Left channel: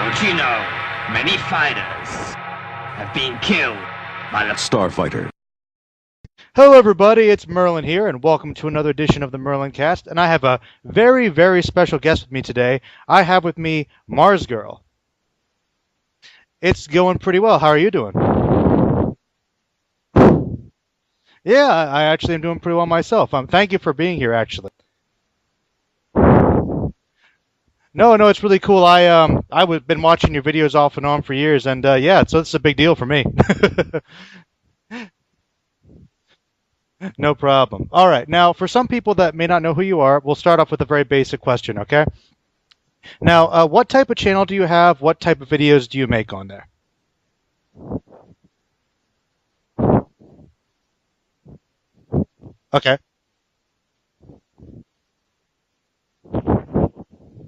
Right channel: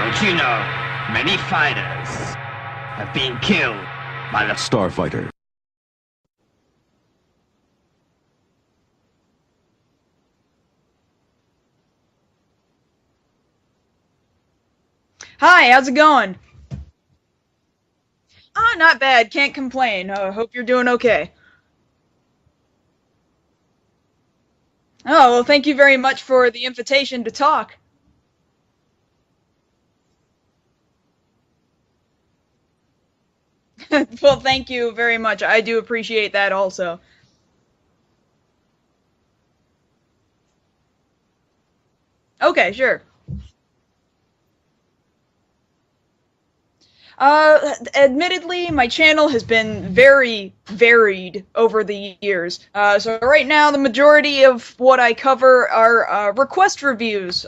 Don't you know, many fighters have been killed by the Starfighter. Hello everybody, it's Merlin here, and welcome to another edition of the Merlin Cast, and I have a very, very special guest with me today. I have with me Marzgurl. Hi, how's it going? It's going pretty well. How are you doing? Oh, not bad. Can't complain. Hope you're doing okay. Yeah, I actually am doing pretty well myself. Thank you for being here, actually. Oh, well, thank you very much for the invitation to talk. No, it's really cool. I've been watching your videos off and on for years, and yeah, so it's a big deal for me. Well, thank you very much. I do appreciate that also. No problem. All right, now, for some people that may not know who you are, we'll start off with a very basic question, okay? Okay, sure. Now, what type of channel do you have? What type of videos do you make on there? Admittedly, my channel has been very varied over the years. Okay. So right now, the majority of what I cover are request reviews.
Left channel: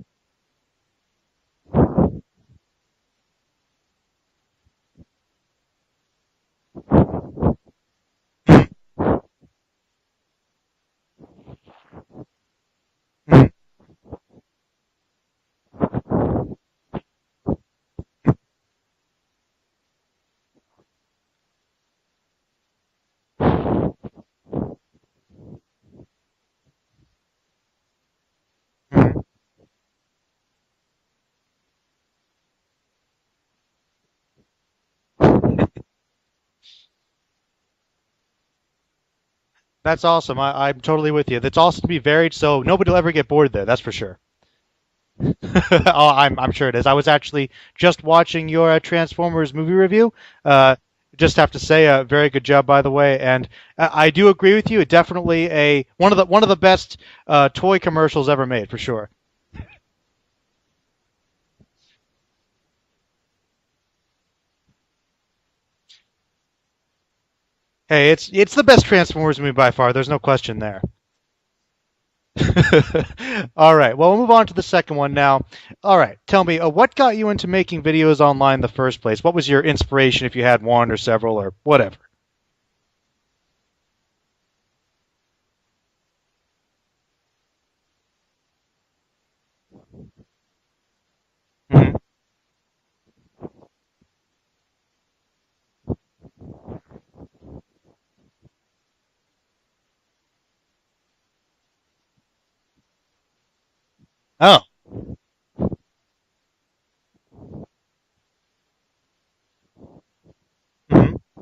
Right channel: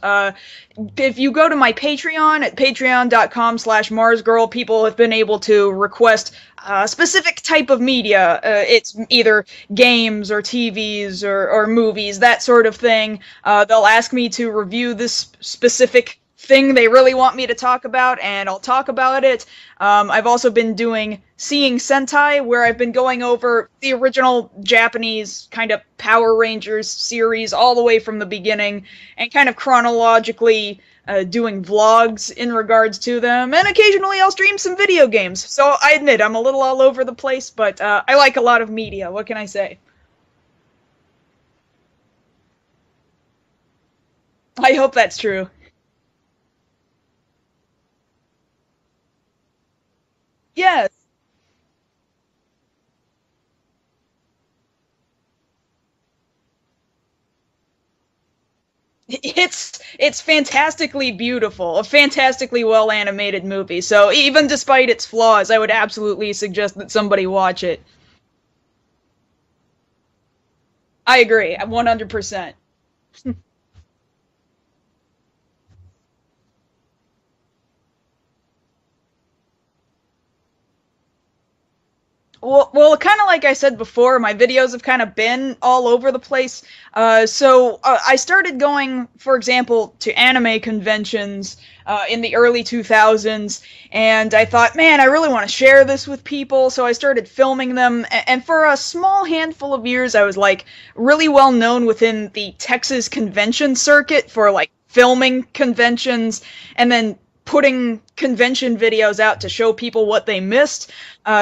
If you go to my Patreon at patreon.com/Marzgurl, people have been able to request a specific type of media. It's either games or TVs or movies, that sort of thing. They'll ask me to review this specific thing they really want me to talk about, and I'll talk about it. I've also been doing Seeing Sentai, where I've been going over the original Japanese kind of Power Rangers series all the way from the beginning, and kind of chronologically doing vlogs in regards to them, and occasionally I'll stream some video games. So I admit, I'm a little all over the place, but I like a lot of media. What can I say? That's awesome. I'm totally with you. It's awesome to be varied, so nobody will ever get bored there, that's for sure. I hope that's true. Oh, I'm sure it is. I was actually just watching your Transformers movie review. Yes. Just have to say, very good job, by the way. And I do agree with you. Definitely one of the best toy commercials ever made, for sure. It's fantastically beautiful, a fantastically well animated movie. So even despite its flaws, I would absolutely suggest that somebody watch it. Hey, it's the best Transformers movie by far. There's no question there. I agree, 100%. All right. Well, we'll move on to the second one now. All right. Tell me, what got you into making videos online in the first place? What was your inspiration, if you had one or several or whatever? Well, kind of like I said before, my videos have kind of been all over the place. So I started going, for example, to anime conventions in the early 2000s, and I thought, man, I really want to share this with people, so I started filming them, and for a small handful of years, I was, like, really well known within the Texas convention circuit for, like, filming conventions, and then putting convention videos out to show people what they missed.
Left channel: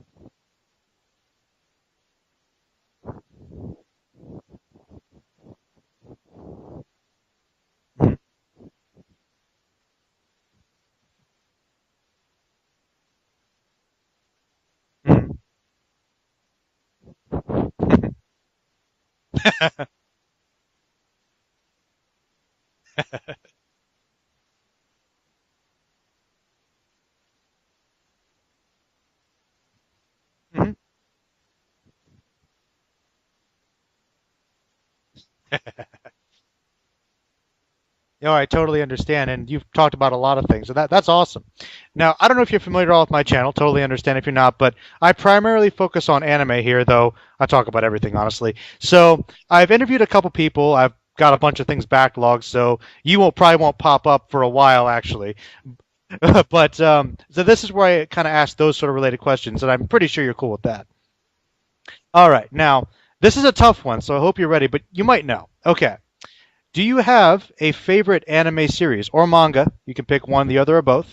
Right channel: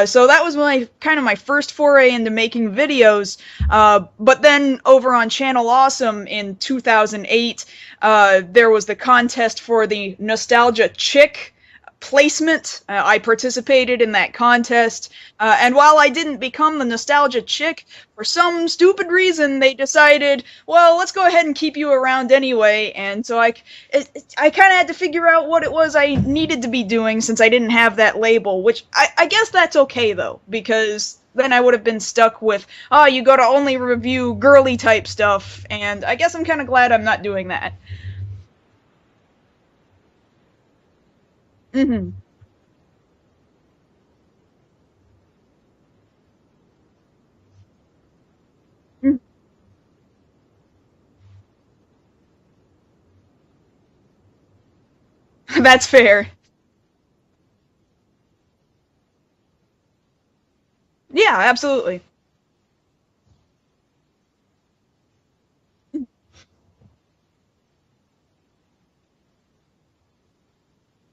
So that was my first foray into making videos. But then over on Channel Awesome in 2008, there was the contest for the Nostalgia Chick placement. I participated in that contest, and while I didn't become the Nostalgia Chick, for some stupid reason they decided, well, let's go ahead and keep you around anyway. And so I kind of had to figure out what it was I needed to be doing, since I didn't have that label, which I guess that's okay though, because then I would have been stuck with, you go to only review girly type stuff, and I guess I'm kind of glad I'm not doing that. No, I totally understand, and you've talked about a lot of things, so that's awesome. Mm-hmm. Now, I don't know if you're familiar at all with my channel, totally understand if you're not, but I primarily focus on anime here, though I talk about everything, honestly. So I've interviewed a couple people, I've got a bunch of things backlogged, so you probably won't pop up for a while, actually. That's fair. But, so this is where I kind of ask those sort of related questions, and I'm pretty sure you're cool with that. Yeah, absolutely. All right, now, this is a tough one, so I hope you're ready, but you might know. Okay. Do you have a favorite anime series or manga? You can pick one, the other, or both.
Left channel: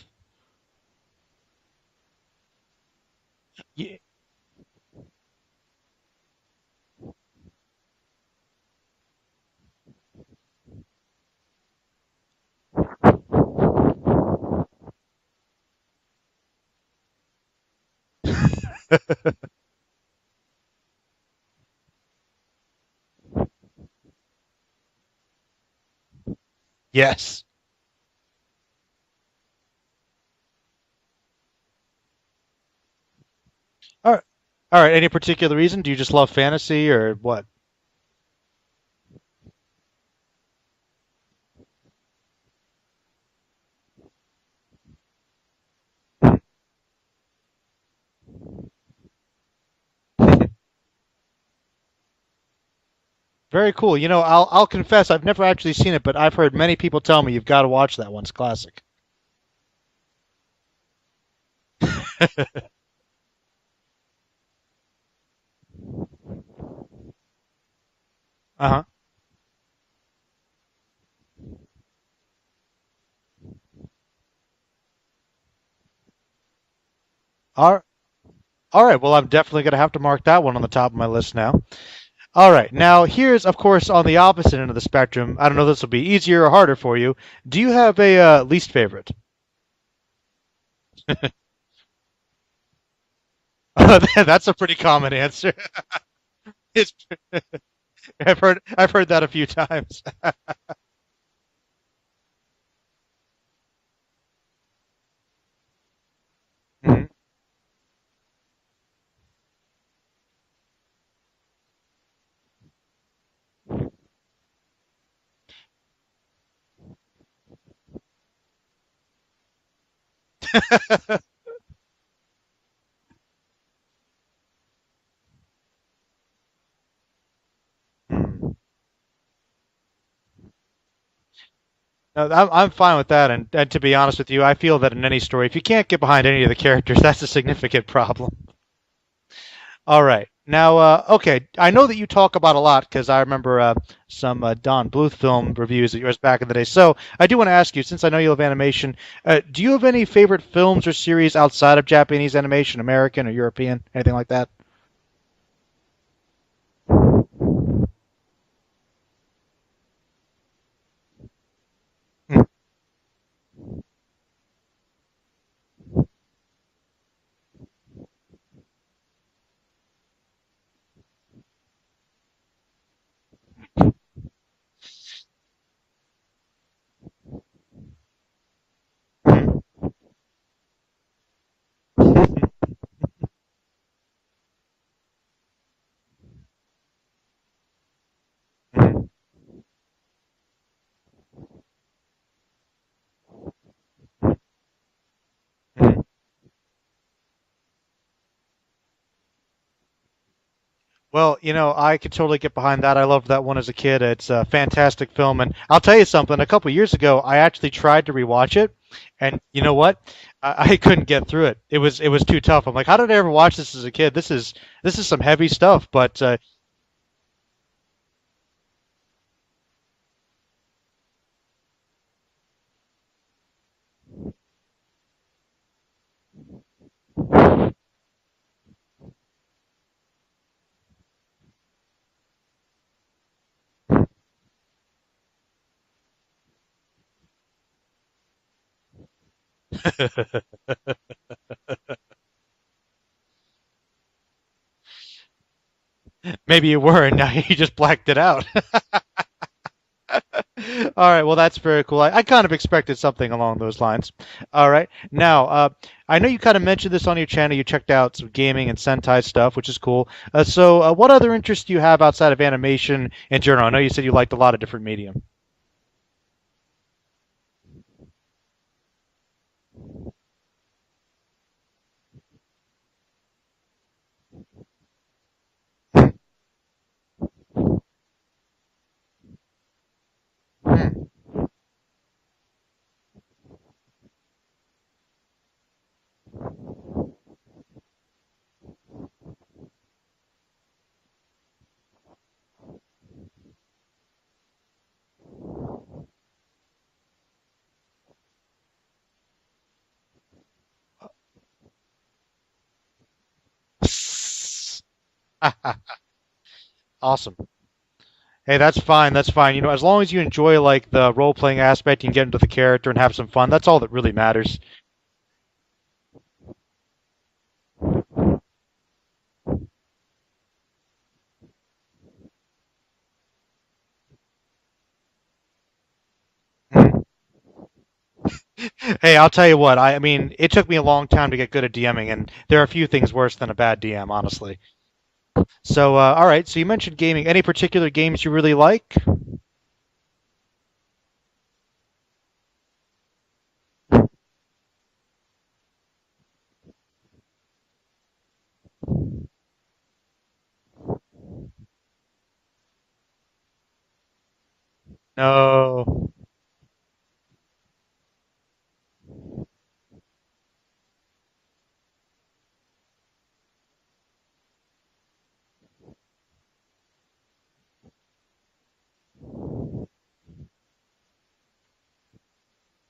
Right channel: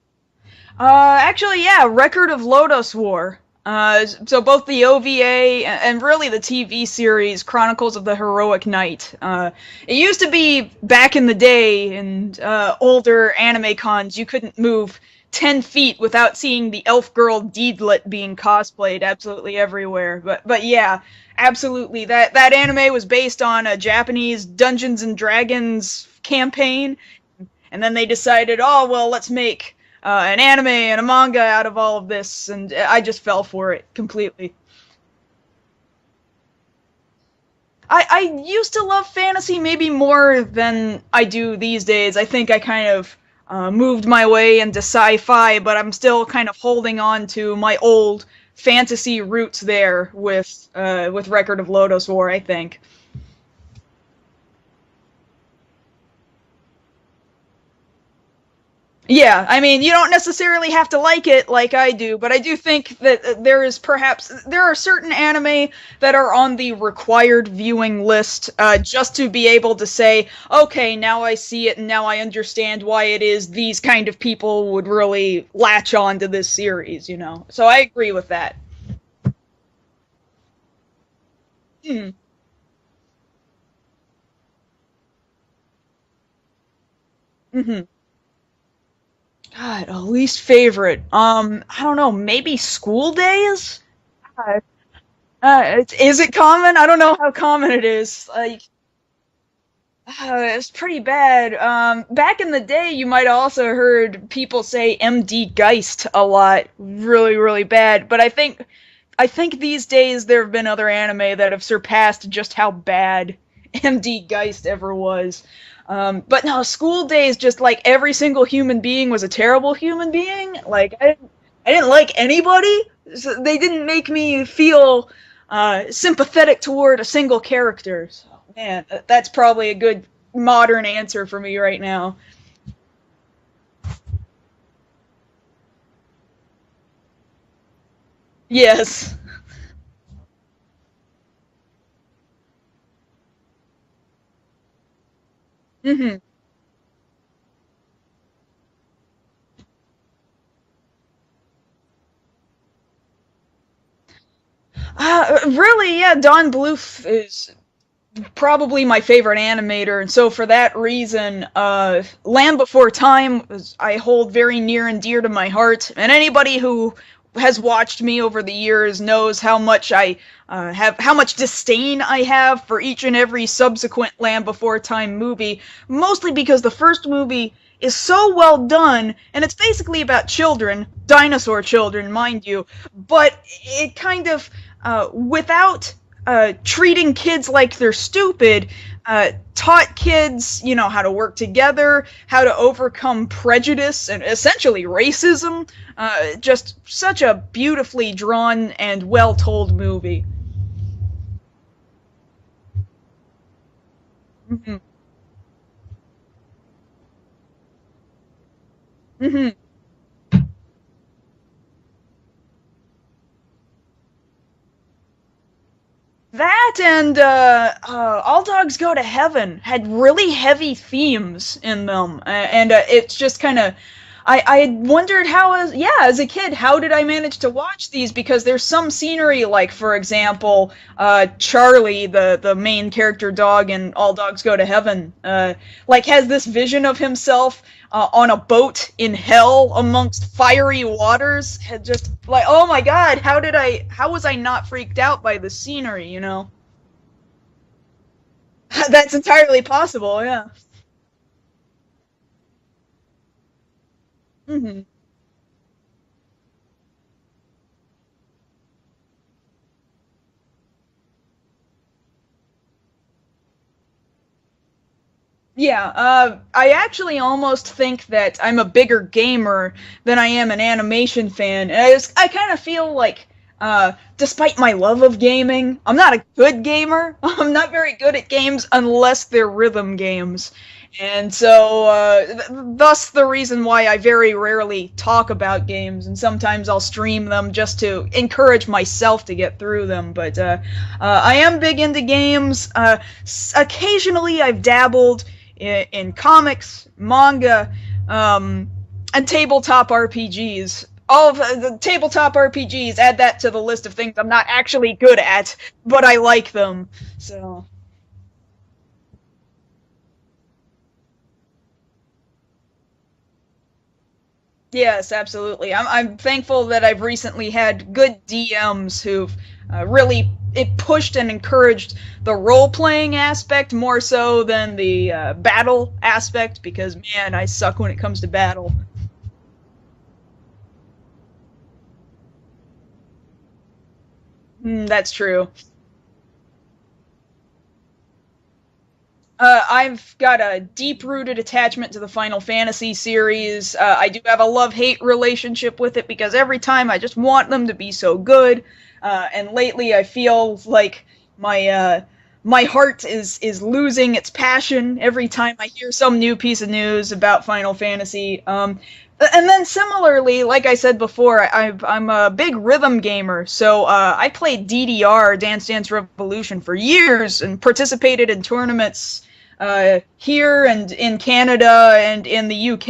Actually, yeah, Record of Lodoss War. So both the OVA and really the TV series Chronicles of the Heroic Knight. It used to be back in the day in older anime cons, you couldn't move 10 feet without seeing the elf girl Deedlit being cosplayed absolutely everywhere. But yeah, absolutely. That anime was based on a Japanese Dungeons and Dragons campaign. Yes. And then they decided, oh, well, let's make an anime and a manga out of all of this, and I just fell for it completely. All right. Any particular reason? Do you just love fantasy or what? I used to love fantasy maybe more than I do these days. I think I kind of moved my way into sci-fi, but I'm still kind of holding on to my old fantasy roots there with Record of Lodoss War, I think. Very cool. You know, I'll confess, I've never actually seen it, but I've heard many people tell me you've got to watch that one. It's classic. Yeah, I mean, you don't necessarily have to like it like I do, but I do think that there are certain anime that are on the required viewing list, just to be able to say, okay, now I see it and now I understand why it is these kind of people would really latch on to this series, you know. So I agree with that. All right, well, I'm definitely going to have to mark that one on the top of my list now. Hmm. All right, now here's, of course, on the opposite end of the spectrum. I don't know if this will be easier or harder for you. Do you have a least favorite? God, a least favorite. I don't know, maybe School Days? That's a pretty common answer. Is it common? I don't know how common it is. I've heard that a few times. It's pretty bad. Back in the day, you might have also heard people say MD Geist a lot. Really, really bad. But I think these days there have been other anime that have surpassed just how bad MD Geist ever was. But no, School Days, just like every single human being was a terrible human being. Like I didn't like anybody. So they didn't make me feel sympathetic toward a single character. So, man, that's probably a good modern answer for me right now. I'm fine with that, and to be honest with you, I feel that in any story, if you can't get behind any of the characters, that's a significant problem. Yes. All right. Now, okay, I know that you talk about a lot because I remember some Don Bluth film reviews of yours back in the day. So I do want to ask you, since I know you love animation, do you have any favorite films or series outside of Japanese animation, American or European, anything like that? Really, yeah, Don Bluth is probably my favorite animator, and so for that reason, Land Before Time I hold very near and dear to my heart, and anybody who has watched me over the years knows how much how much disdain I have for each and every subsequent Land Before Time movie, mostly because the first movie is so well done, and it's basically about children, dinosaur children, mind you, but it kind of, without treating kids like they're stupid, taught kids, you know, how to work together, how to overcome prejudice and essentially racism. Just such a beautifully drawn and well-told movie. Well, you know, I could totally get behind that. I loved that one as a kid. It's a fantastic film, and I'll tell you something. A couple years ago, I actually tried to rewatch it, and you know what? I couldn't get through it. It was too tough. I'm like, how did I ever watch this as a kid? This is some heavy stuff. But that and All Dogs Go to Heaven had really heavy themes in them, and it's just kind of. I wondered how, as a kid, how did I manage to watch these? Because there's some scenery, like, for example, Charlie, the main character dog in All Dogs Go to Heaven, like, has this vision of himself on a boat in hell amongst fiery waters. Just like, oh my god, how was I not freaked out by the scenery, you know? Maybe you were, and now you just blacked it out. That's entirely possible, yeah. All right, well, that's very cool. I kind of expected something along those lines. All right, now, I know you kind of mentioned this on your channel. You checked out some gaming and Sentai stuff, which is cool. So what other interests do you have outside of animation in general? I know you said you liked a lot of different medium. Yeah, I actually almost think that I'm a bigger gamer than I am an animation fan. And I kind of feel like, despite my love of gaming, I'm not a good gamer. I'm not very good at games unless they're rhythm games. And so, thus the reason why I very rarely talk about games, and sometimes I'll stream them just to encourage myself to get through them. But I am big into games. Occasionally I've dabbled in comics, manga, and tabletop RPGs. All of the tabletop RPGs, add that to the list of things I'm not actually good at, but I like them. Awesome. So. Hey, that's fine. That's fine. You know, as long as you enjoy like the role-playing aspect and get into the character and have some fun, that's all that really matters. Yes, absolutely. I'm thankful that I've recently had good DMs who've really pushed and encouraged the role-playing aspect more so than the battle aspect, because, man, I suck when it comes to battle. Hey, I'll tell you what. I mean, it took me a long time to get good at DMing, and there are a few things worse than a bad DM, honestly. That's true. So, all right. So you mentioned gaming. Any particular games you really like? I've got a deep-rooted attachment to the Final Fantasy series. I do have a love-hate relationship with it because every time I just want them to be so good. And lately I feel like my my heart is losing its passion every time I hear some new piece of news about Final Fantasy. And then similarly, like I said before, I'm a big rhythm gamer, so I played DDR, Dance Dance Revolution, for years and participated in tournaments here and in Canada and in the UK,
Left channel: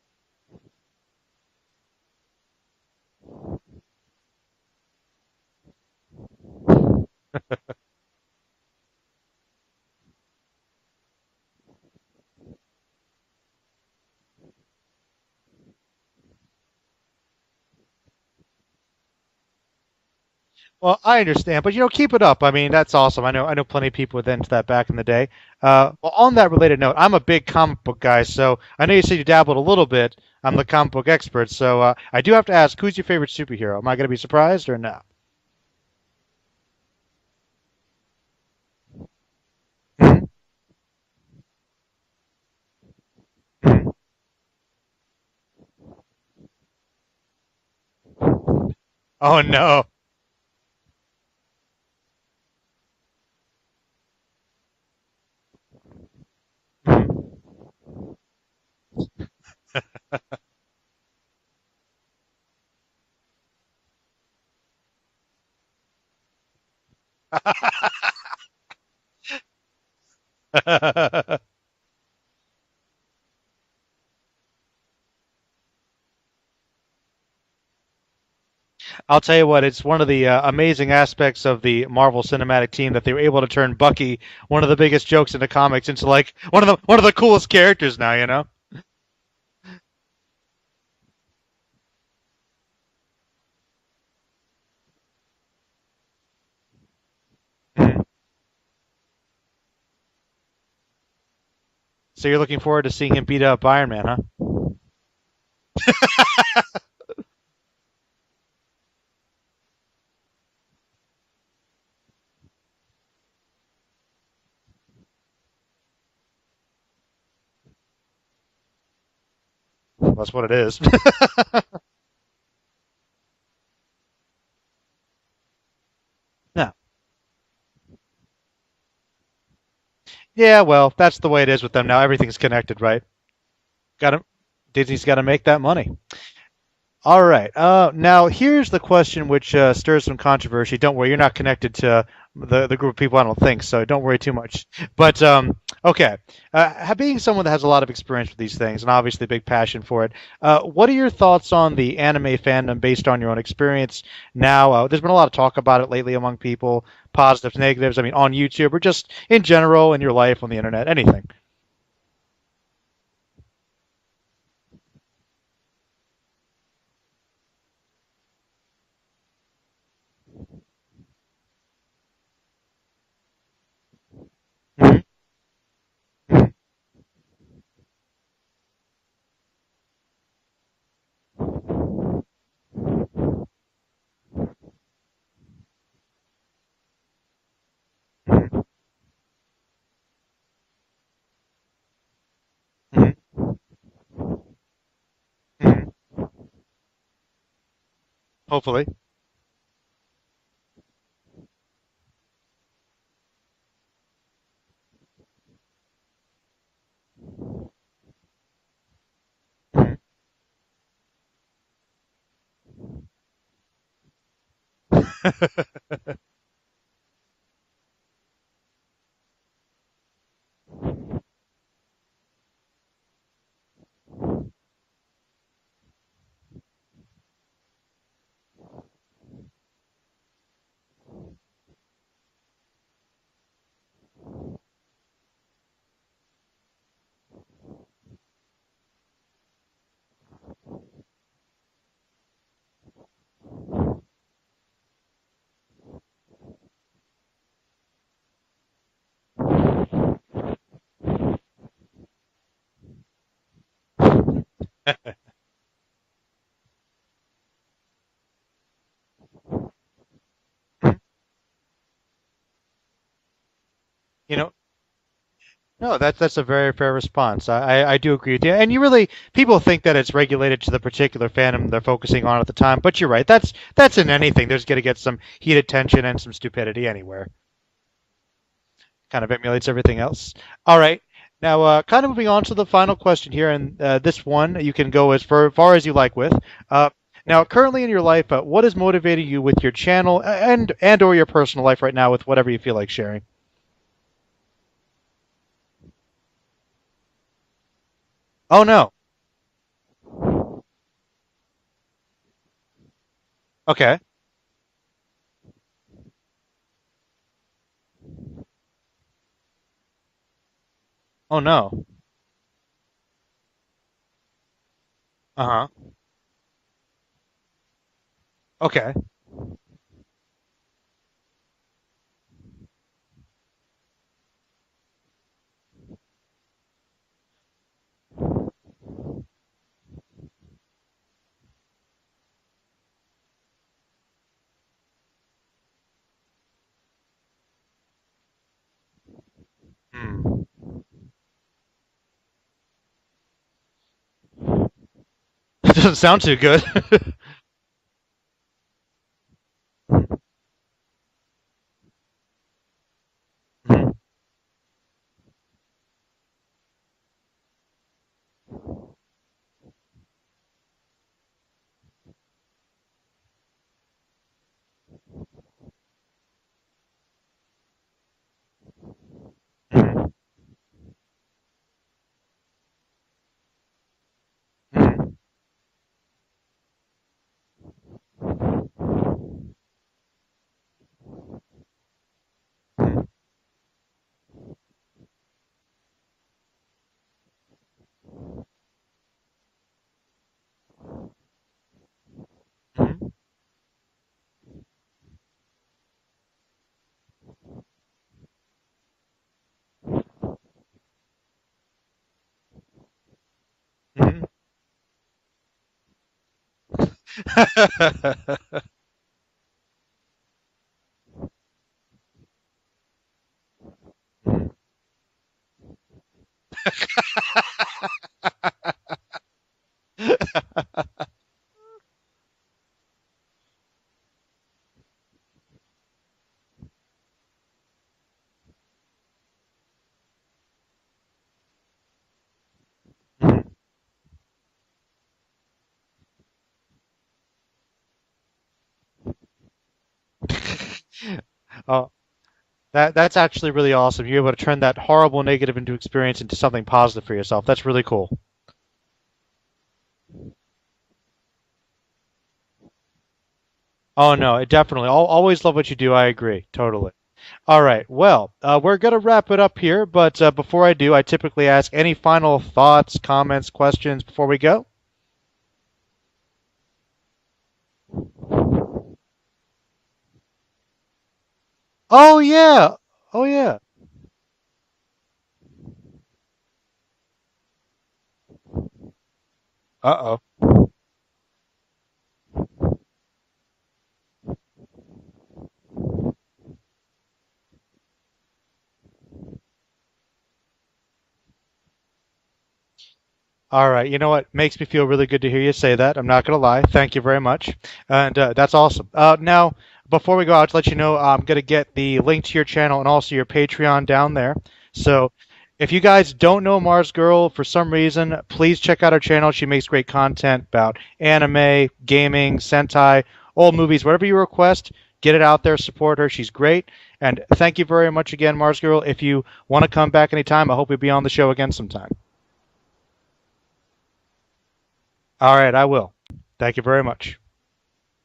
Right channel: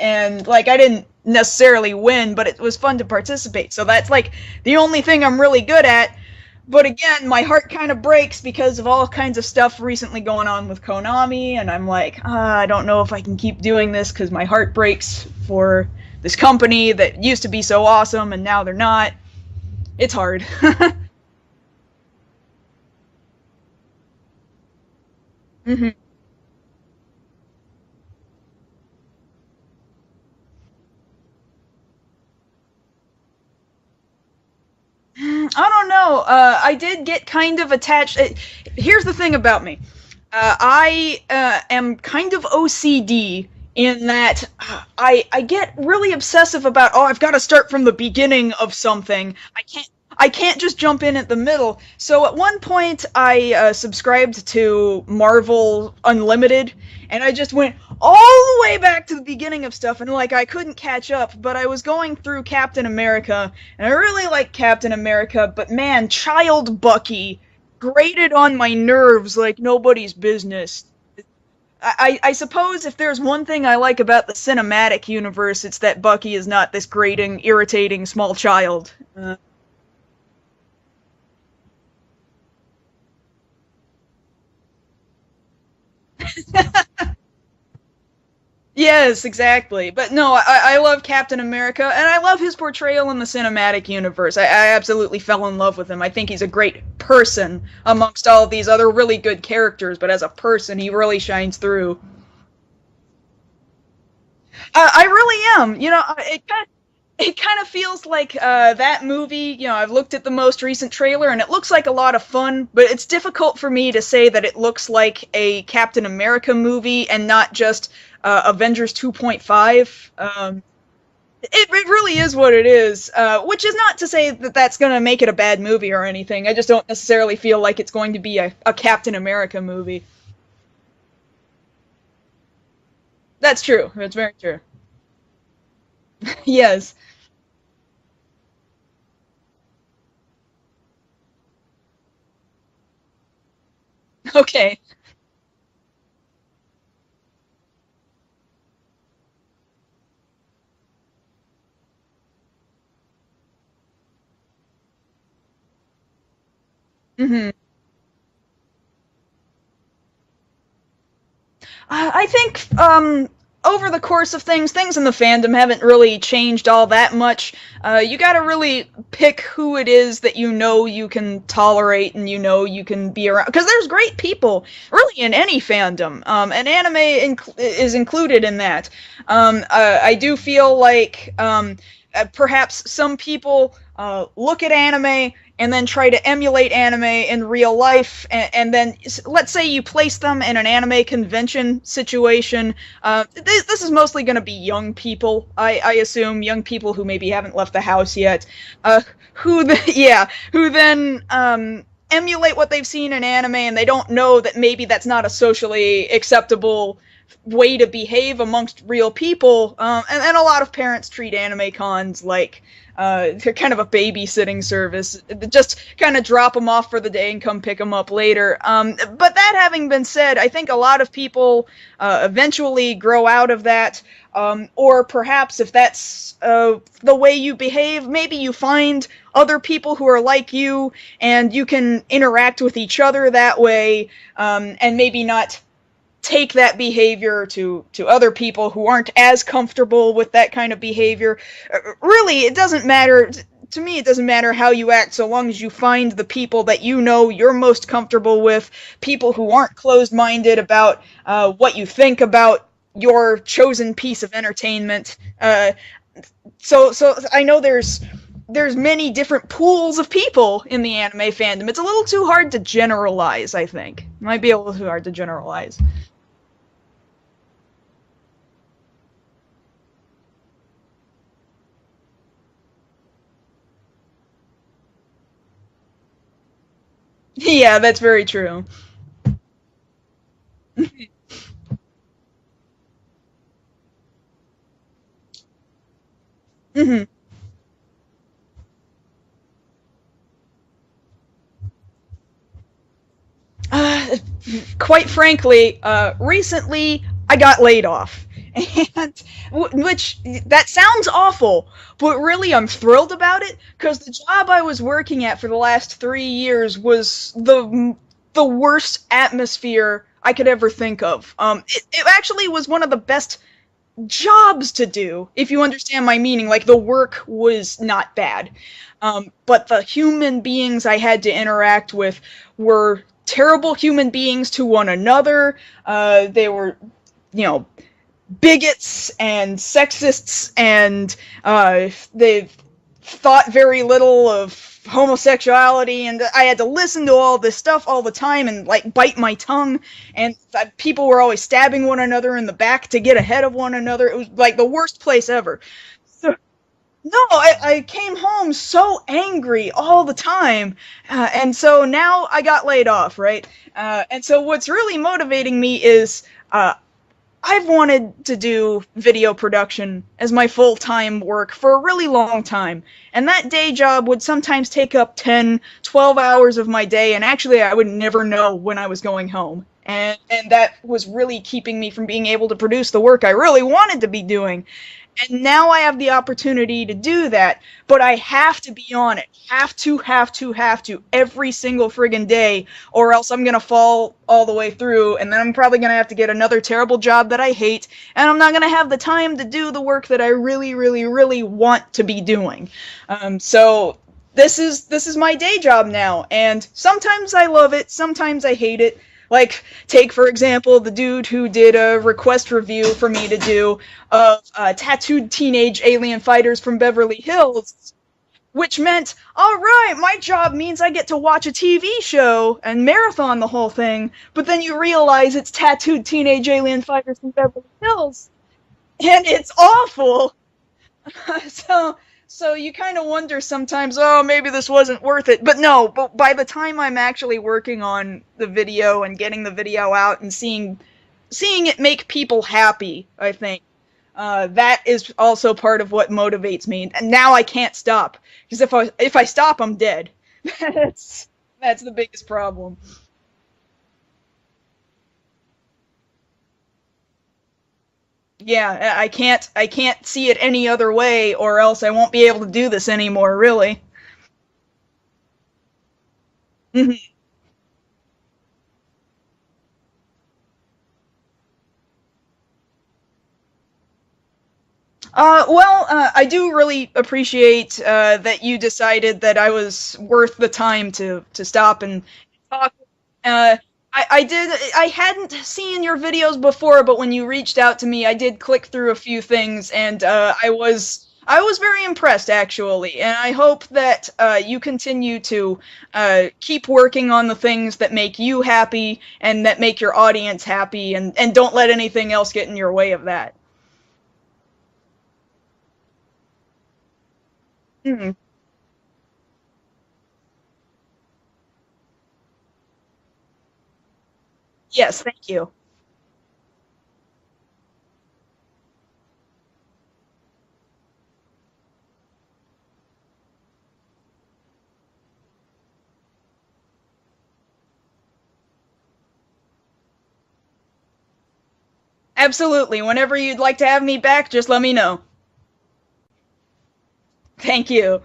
and like I didn't necessarily win, but it was fun to participate. So that's like the only thing I'm really good at. But again, my heart kind of breaks because of all kinds of stuff recently going on with Konami, and I'm like, I don't know if I can keep doing this because my heart breaks for this company that used to be so awesome and now they're not. It's hard. Well, I understand, but keep it up. I mean, that's awesome. I know plenty of people with into that back in the day. Well, on that related note, I'm a big comic book guy, so I know you said you dabbled a little bit. I'm the comic book expert, so I do have to ask, who's your favorite superhero? Am I going to be surprised or no? I don't know. I did get kind of attached. Here's the thing about me. I am kind of OCD in that I get really obsessive about, I've got to start from the beginning of something. Oh, no. I can't just jump in at the middle. So at one point, I subscribed to Marvel Unlimited, and I just went all the way back to the beginning of stuff, and like I couldn't catch up, but I was going through Captain America, and I really like Captain America, but man, Child Bucky grated on my nerves like nobody's business. I suppose if there's one thing I like about the cinematic universe, it's that Bucky is not this grating, irritating small child. I'll tell you what, it's one of the amazing aspects of the Marvel Cinematic Team that they were able to turn Bucky, one of the biggest jokes in the comics, into like one of the coolest characters now, Yes, exactly. But no, I love Captain America, and I love his portrayal in the cinematic universe. I absolutely fell in love with him. I think he's a great person amongst all of these other really good characters, but as a person, he really shines through. So you're looking forward to seeing him beat up Iron Man, huh? I really am. It kind of feels like that movie, I've looked at the most recent trailer, and it looks like a lot of fun, but it's difficult for me to say that it looks like a Captain America movie and not just Avengers 2.5. That's what it is. It really is what it is, which is not to say that that's going to make it a bad movie or anything. I just don't necessarily feel like it's going to be a Captain America movie. Yeah, well, that's the way it is with them now. Everything's connected, right? That's true. That's very true. Disney's got to make that money. Yes. All right. Now, here's the question which stirs some controversy. Don't worry, you're not connected to the group of people, I don't think, so don't worry too much. Okay. But, okay. Being someone that has a lot of experience with these things, and obviously a big passion for it, what are your thoughts on the anime fandom based on your own experience now? There's been a lot of talk about it lately among people, positives, negatives, on YouTube, or just in general in your life, on the internet, anything. I think over the course of things in the fandom haven't really changed all that much. You gotta really pick who it is that you can tolerate and you can be around. Because there's great people, really, in any fandom, and anime is included in that. I do feel like perhaps some people look at anime and then try to emulate anime in real life, and then let's say you place them in an anime convention situation. This is mostly going to be young people, I assume, young people who maybe haven't left the house yet. Hopefully. Who then emulate what they've seen in anime, and they don't know that maybe that's not a socially acceptable way to behave amongst real people, and a lot of parents treat anime cons like they're kind of a babysitting service. Just kind of drop them off for the day and come pick them up later. But that having been said, I think a lot of people eventually grow out of that, or perhaps if that's the way you behave, maybe you find other people who are like you, and you can interact with each other that way, and maybe not take that behavior to other people who aren't as comfortable with that kind of behavior. Really, it doesn't matter. To me, it doesn't matter how you act so long as you find the people that you're most comfortable with, people who aren't closed-minded about what you think about your chosen piece of entertainment. So I know there's there's many different pools of people in the anime fandom. It's a little too hard to generalize, I think. It might be a little too hard to generalize. No, that's a very fair response. I do agree with you. And you really, people think that it's regulated to the particular fandom they're focusing on at the time, but you're right. That's in anything. There's going to get some heated tension and some stupidity anywhere. Yeah, that's very true. Kind of emulates everything else. All right. Now, kind of moving on to the final question here, and this one you can go as far as you like with. Now, currently in your life, what is motivating you with your channel and or your personal life right now with whatever you feel like sharing? Quite frankly, recently I got laid off. Oh, no. Which, that sounds awful, but really I'm thrilled about it. Okay. Because the job I was working at for the last 3 years was the worst atmosphere I could ever think of. Oh, no. It actually was one of the best jobs to do, if you understand my meaning. Like, the work was not bad. Okay. But the human beings I had to interact with were terrible human beings to one another. They were, bigots and sexists, and they thought very little of homosexuality, and I had to listen to all this stuff all the time and like bite my tongue, and people were always stabbing one another in the back to get ahead of one another. It was like the worst place ever. It doesn't sound too good. No, I came home so angry all the time, and so now I got laid off, right? And so what's really motivating me is I've wanted to do video production as my full-time work for a really long time, and that day job would sometimes take up 10, 12 hours of my day, and actually I would never know when I was going home, and that was really keeping me from being able to produce the work I really wanted to be doing. And now I have the opportunity to do that, but I have to be on it. Have to, every single friggin' day, or else I'm gonna fall all the way through, and then I'm probably gonna have to get another terrible job that I hate, and I'm not gonna have the time to do the work that I really, really, really want to be doing. So this is my day job now, and sometimes I love it, sometimes I hate it. Like, take, for example, the dude who did a request review for me to do of tattooed teenage alien fighters from Beverly Hills, which meant, all right, my job means I get to watch a TV show and marathon the whole thing, but then you realize it's tattooed teenage alien fighters from Beverly Hills, and it's awful. So you kind of wonder sometimes, oh, maybe this wasn't worth it. But no, but by the time I'm actually working on the video and getting the video out and seeing it make people happy, I think, that is also part of what motivates me. And now I can't stop, because if I stop, I'm dead. That's the biggest problem. That's actually really awesome. You're able to turn that horrible negative experience into something positive for yourself. That's really cool. Yeah, I can't see it any other way, or else I won't be able to do this anymore, really. Oh, no, definitely. I'll always love what you do. I agree. Totally. All right. Well, we're going to wrap it up here, but before I do, I typically ask any final thoughts, comments, questions before we go. I do really appreciate that you decided that I was worth the time to stop and... Oh, yeah. I hadn't seen your videos before, but when you reached out to me, I did click through a few things, and I was very impressed, actually, and I hope that you continue to keep working on the things that make you happy and that make your audience happy, and don't let anything else get in your way of that. All right. You know what? Makes me feel really good to hear you say that. I'm not going to lie. Thank you very much. And that's awesome. Now, before we go out, to let you know, I'm going to get the link to your channel and also your Patreon down there. Yes, so thank you. If you guys don't know Marzgurl for some reason, please check out her channel. She makes great content about anime, gaming, Sentai, old movies, whatever you request. Get it out there. Support her. She's great. And thank you very much again, Marzgurl. If you want to come back anytime, I hope you'll be on the show again sometime. Absolutely. Whenever you'd like to have me back, just let me know. All right, I will. Thank you very much. Thank you.